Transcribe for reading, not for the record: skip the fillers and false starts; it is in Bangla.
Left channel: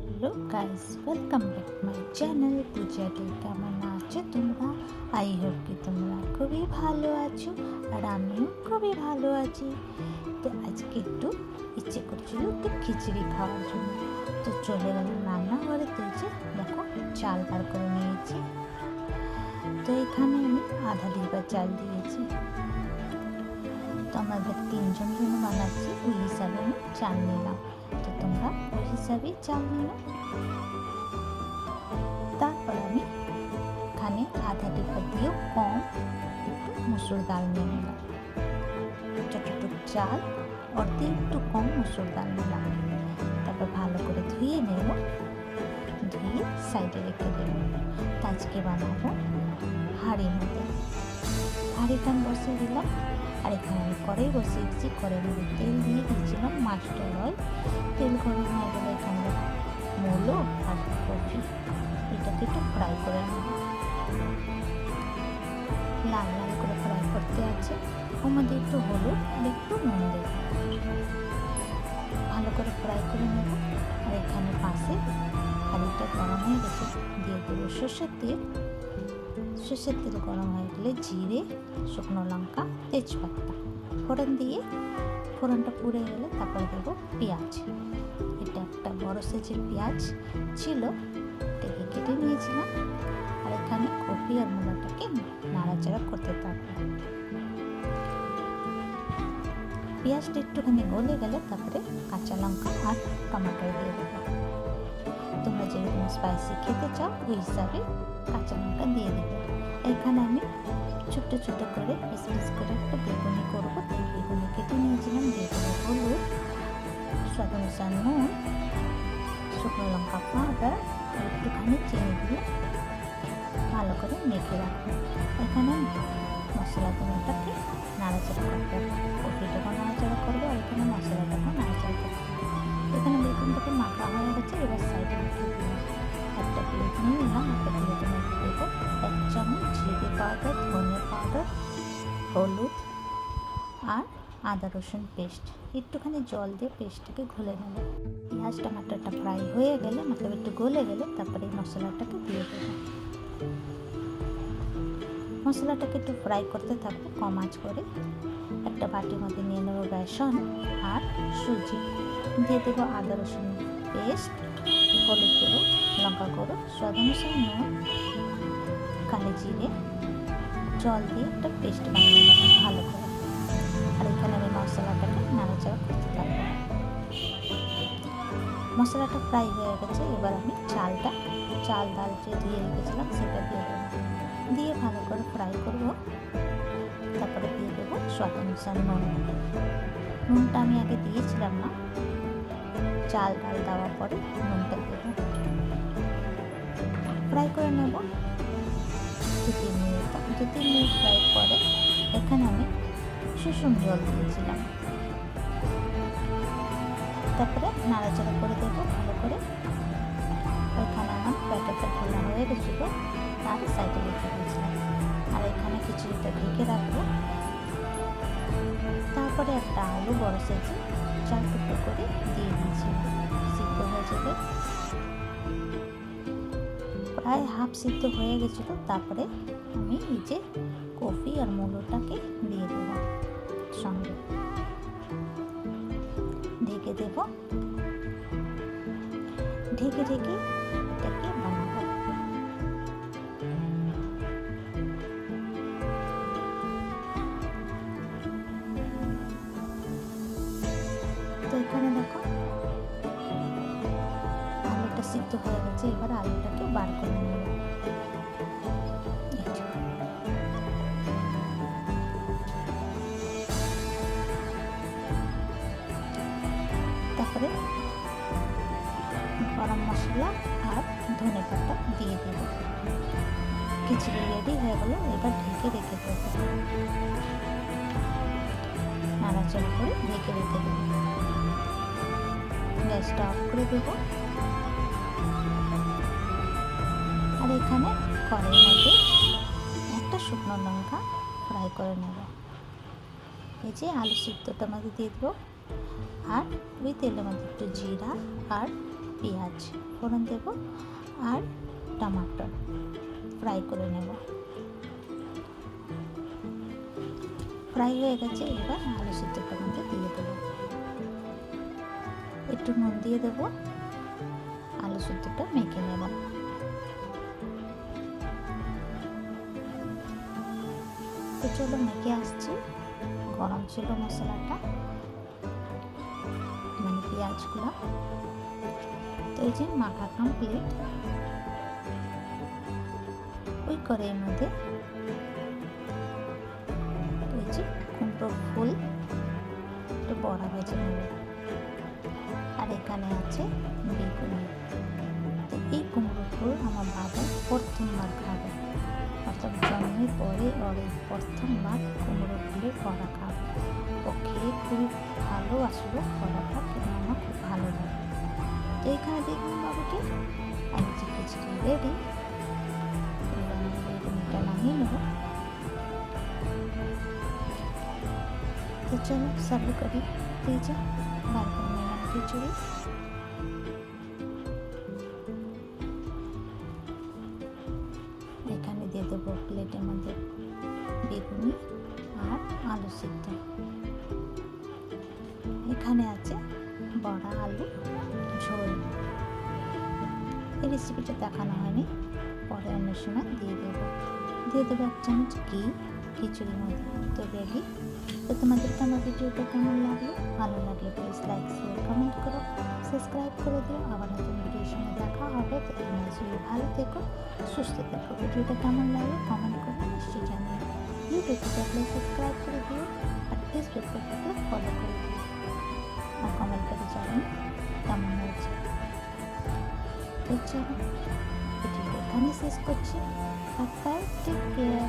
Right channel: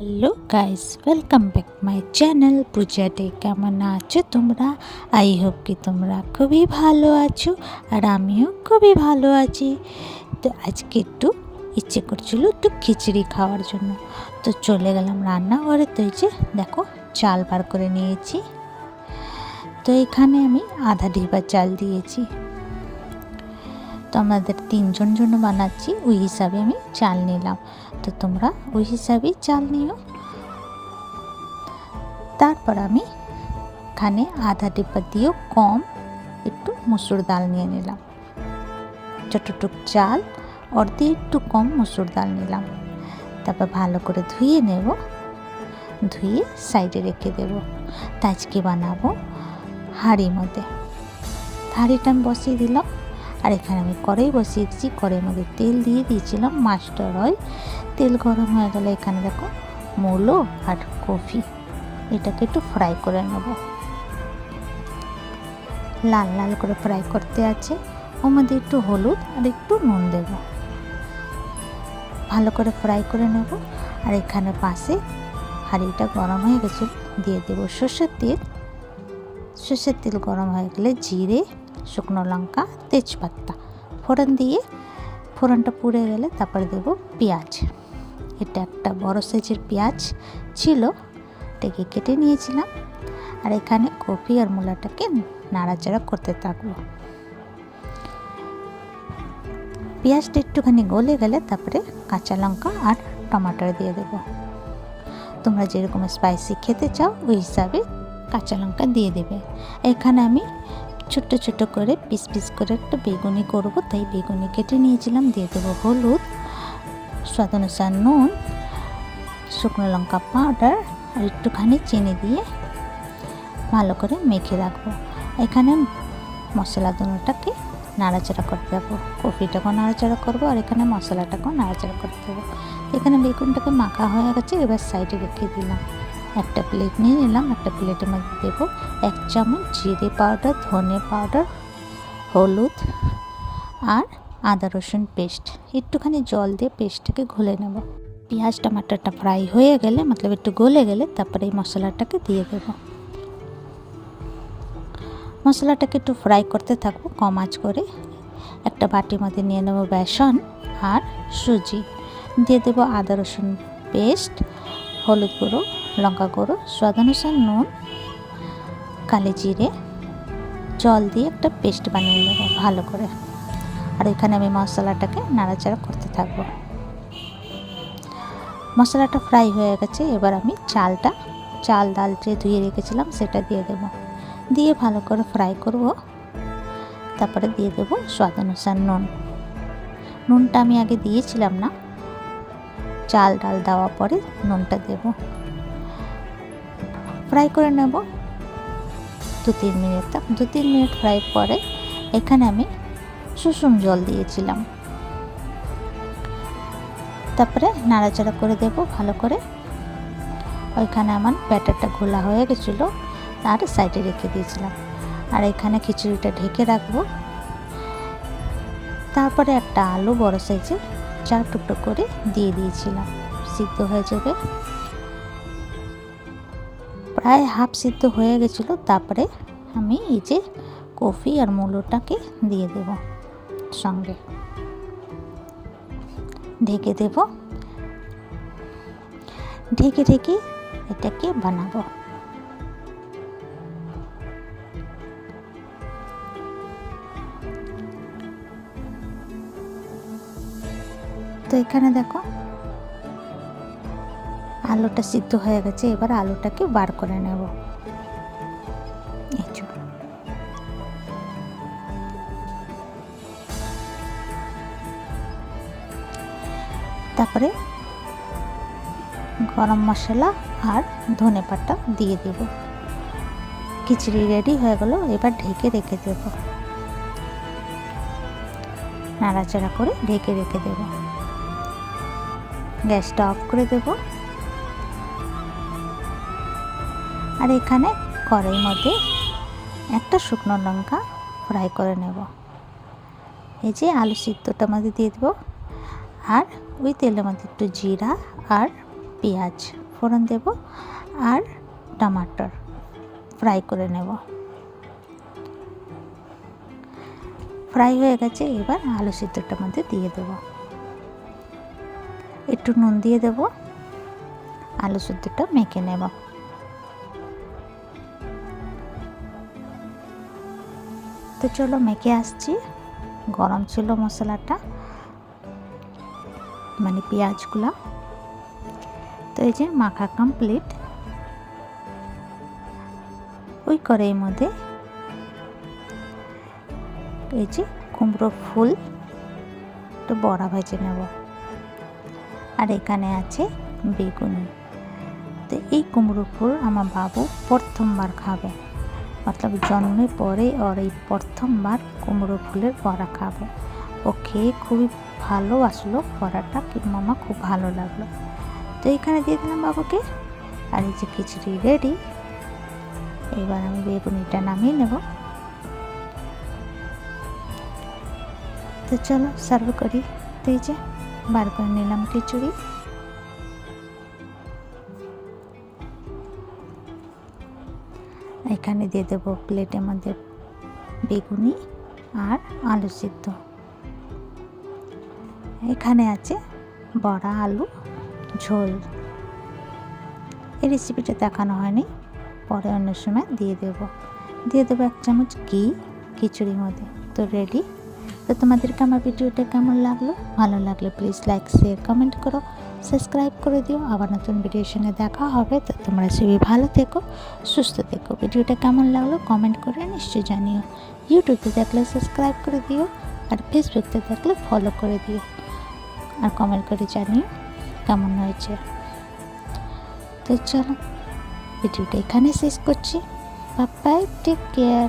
Hello guys, welcome back my channel Puja day. কেমন আছো তোমরা? আই হোপ কি তোমরা খুবই ভালো আছো, আর আমিও খুবই ভালো আছি। তো আজকে একটু ইচ্ছে করছিল একটু খিচুড়ি খাওয়ার জন্য, তো চলে গেলাম রান্নাঘরে। তো এই যে দেখো, চাল বার করে নিয়েছি। তো এখানে আমি আধা ডিব্বা চাল দিয়েছি। তো আমাদের 3 জন জন্য বানাচ্ছি, ওই হিসাবে আমি চাল নিলাম। তো তোমরা ওই হিসাবেই চাল নিও। তারপর আমি এখানে আধা ডিব্বা দিয়েও কম একটু মুসুর ডাল নিয়ে নিলাম। যতটুক চাল ওর দিয়ে একটু কম মুসুর ডাল নিলাম। তারপর ভালো করে ধুয়ে নেব, ধুয়ে সাইডে রেখে দেব। তা আজকে বানাবো হাঁড়ির মধ্যে। হাঁড়িটা আমি বসিয়ে দিলাম, আর এখানে আমি কড়াই বসিয়ে দিচ্ছি। কড়াইয়ের মধ্যে তেল দিয়ে দিয়েছিলাম মাস্টার অয়েল। তেল গরম হয়ে গেলে এখানে দেখো মূলো আর কফি, এটাকে একটু ফ্রাই করে নেব। লাল লাল করে ফ্রাই করতে আছে। ওর মধ্যে একটু হলুদ আর একটু নুন দেব, ভালো করে ফ্রাই করে নেব। আর এখানে পাশে হাঁড়িটা গরম হয়ে গেছে, দিয়ে দেবো সর্ষের তেল। সর্ষের তেল গরম হয়ে গেলে জিরে, শুকনো লঙ্কা, তেজপাতা ফোড়ন দিয়ে, ফোড়নটা পুড়ে গেলে তারপরে দেবো পেঁয়াজ। এটা একটা বড় সাইজের পেঁয়াজ ছিল, এটাকে কেটে নিয়েছিলাম। আর এখানে কফি আর মূলাটাকে নাড়াচাড়া করতে থাকবো। পেঁয়াজটা একটুখানি গলে গেলে তারপরে কাঁচা লঙ্কা আর টমাটো দিয়ে দেবো। তোমরা যেরকম স্পাইসি খেতে চাও ওই হিসাবে কাঁচা লঙ্কা দিয়ে দেবে। এখানে আমি ছোট্ট ছোট করে পিস পিস করে একটা বেগুনি করবো, তাই বেগুনি কেটে নিয়েছিলাম। দিয়ে দেবো হলুদ, স্বাদ অনুসার নুন, শুকনো লঙ্কা পাউডার আর একটুখানি চিনি দিয়ে ভালো করে মেখে রাখবো। এখানে মশলা দুটোটাকে নাড়াচাড়া করতে হবে। কফিটাকেও নাড়াচাড়া করবো, আর এখানে মশলাটাকেও নাড়াচাড়া করতে হবে। এখানে বেগুনটাকে মাখা হয়ে গেছে, এবার সাইডে রেখে দিলাম। একটা প্লেট নিয়ে নিলাম। একটা প্লেটের মধ্যে দেবো 1 চামচ জিরে পাউডার, ধনে পাউডার, হলুদ আর আদা রসুন পেস্ট। একটুখানি জল দিয়ে পেস্টটাকে ঘুলে নেব। পেঁয়াজ টমাটোটা ফ্রাই হয়ে গেলে, মতলব একটু গলে গেলে, তারপরে এই মশলাটাকে দিয়ে দেবো। মশলাটাকে একটু ফ্রাই করতে থাকবো কম আঁচ করে। একটা বাটির মধ্যে নিয়ে নেব বেসন আর সুজি। দিয়ে দেবো আদা রসুন পেস্ট, হলুদ গুঁড়ো, লঙ্কা গুঁড়ো, স্বাদ অনুসার নুন, কালো জিরে, জল দিয়ে একটা পেস্ট বানিয়ে নেব ভালো করে। আর এখানে আমি মশলাটাকে নাড়াচাড়া করতে থাকবো। মশলাটা ফ্রাই হয়ে গেছে, এবার আমি চাল ডাল যে ধুয়ে রেখেছিলাম সেটা দিয়ে দেবো। দিয়ে ভালো করে ফ্রাই করব। তারপরে দিয়ে দেবো স্বাদ অনুসার নুন। নুনটা আমি আগে দিয়েছিলাম না, চাল ডাল দেওয়ার পরে নুনটা দেব। ফ্রাই করে নেব 2-3 মিনিট। 2-3 মিনিট ফ্রাই পরে এখানে আমি সুষুম জল দিয়েছিলাম। তারপরে নাড়াচাড়া করে দেব ভালো করে। ওইখানে আমার ব্যাটারটা ঘোলা হয়ে গেছিলো, আর সাইডে রেখে দিয়েছিলাম। আর এখানে খিচুড়িটা ঢেকে রাখবো। তারপরে একটা আলু বড় সাইজে 4 টুকরো করে দিয়ে দিয়েছিলাম, সিদ্ধ হয়ে যাবে। প্রায় হাফ সিদ্ধ হয়ে গেছিলো। তারপরে আমি এই যে কফি আর মূলোটাকে দিয়ে দেব সঙ্গে, ঢেকে দেব। ঢেকে ঢেকে এটাকে বানাবো। তো এখানে দেখো আলুটা সিদ্ধ হয়ে গেছে, এবার আলুটাকে বার করে নেব। তারপরে গরম মশলা আর ধনে পাতা দিয়ে দেব। খিচুড়ি রেডি হয়ে গেল, এবার ঢেকে রেখে দেব। নাড়াচাড়া করে ঢেকে রেখে দেব। গ্যাসটা অফ করে দেব। আর এখানে কড়াইয়ের মধ্যে একটা শুকনো লঙ্কা ফ্রাই করে নেব। এই যে আলু সিদ্ধটার মধ্যে দিয়ে দেবো। আর ওই তেলের মধ্যে একটু জিরা আর পেঁয়াজ ফোড়ন দেব আর টমাটোর ফ্রাই করে নেব। ফ্রাই হয়ে গেছে, এবার আলু সিদ্ধটার মধ্যে দিয়ে দেব। একটু নুন দিয়ে দেব, আলু সিদ্ধটা মেখে নেব। তো চলো মেখে আসছি। গরম ছিল মশলাটা, মানে পেঁয়াজগুলো। তো এই যে মাখা কমপ্লিট। ওই কড়াইয়ের মধ্যে এই যে কুমড়ো ফুল একটু বড়া ভেজে নেব, আর এখানে আছে বেগুনি। তো এই কুমড়ো ফুল আমার বাবু প্রথমবার খাবে, মতলব জন্মের পরে ওর এই প্রথমবার কুমড়ো ফুলের বড়া খাবে। ও খেয়ে খুবই ভালোবাসলো বড়াটা, কিন্তু মামা খুব ভালো লাগলো। তো এইখানে দিয়ে দিলাম বাবুকে। আর এই যে খিচুড়ি রেডি। এবার আমি বেগুনিটা নামিয়ে নেব। তো চলো সার্ভ করি। তো এই যে বার করে নিলাম খিচুড়ি। এখানে দিয়ে দেবো প্লেটের মধ্যে বেগুনি আর আলু সিদ্ধ। এখানে আছে বড়া আলু ঝোল। এই রেসিপিটা দেখানো হয়নি, পরে অন্য সময় দিয়ে দেবো 1 চামচ ঘি খিচুড়ির মধ্যে। তো রেডি। তো তোমাদেরকে আমার ভিডিওটা কেমন লাগলো? ভালো লাগলে প্লিজ লাইক শেয়ার কমেন্ট করো, সাবস্ক্রাইব করে দিও। আবার নতুন ভিডিওর সঙ্গে দেখা হবে। তো তোমরা সবাই ভালো থেকো, সুস্থ থেকো। ভিডিওটা কেমন লাগলো কমেন্ট করে নিশ্চয়ই জানিও। ইউটিউবে দেখলে সাবস্ক্রাইব করে দিও, আর ফেসবুকতে দেখলে ফলো করে দিও, আর কমেন্ট করে জানিও কেমন হয়েছে। তো চলো ভিডিওটা এখানে শেষ করছি। Bye, take care.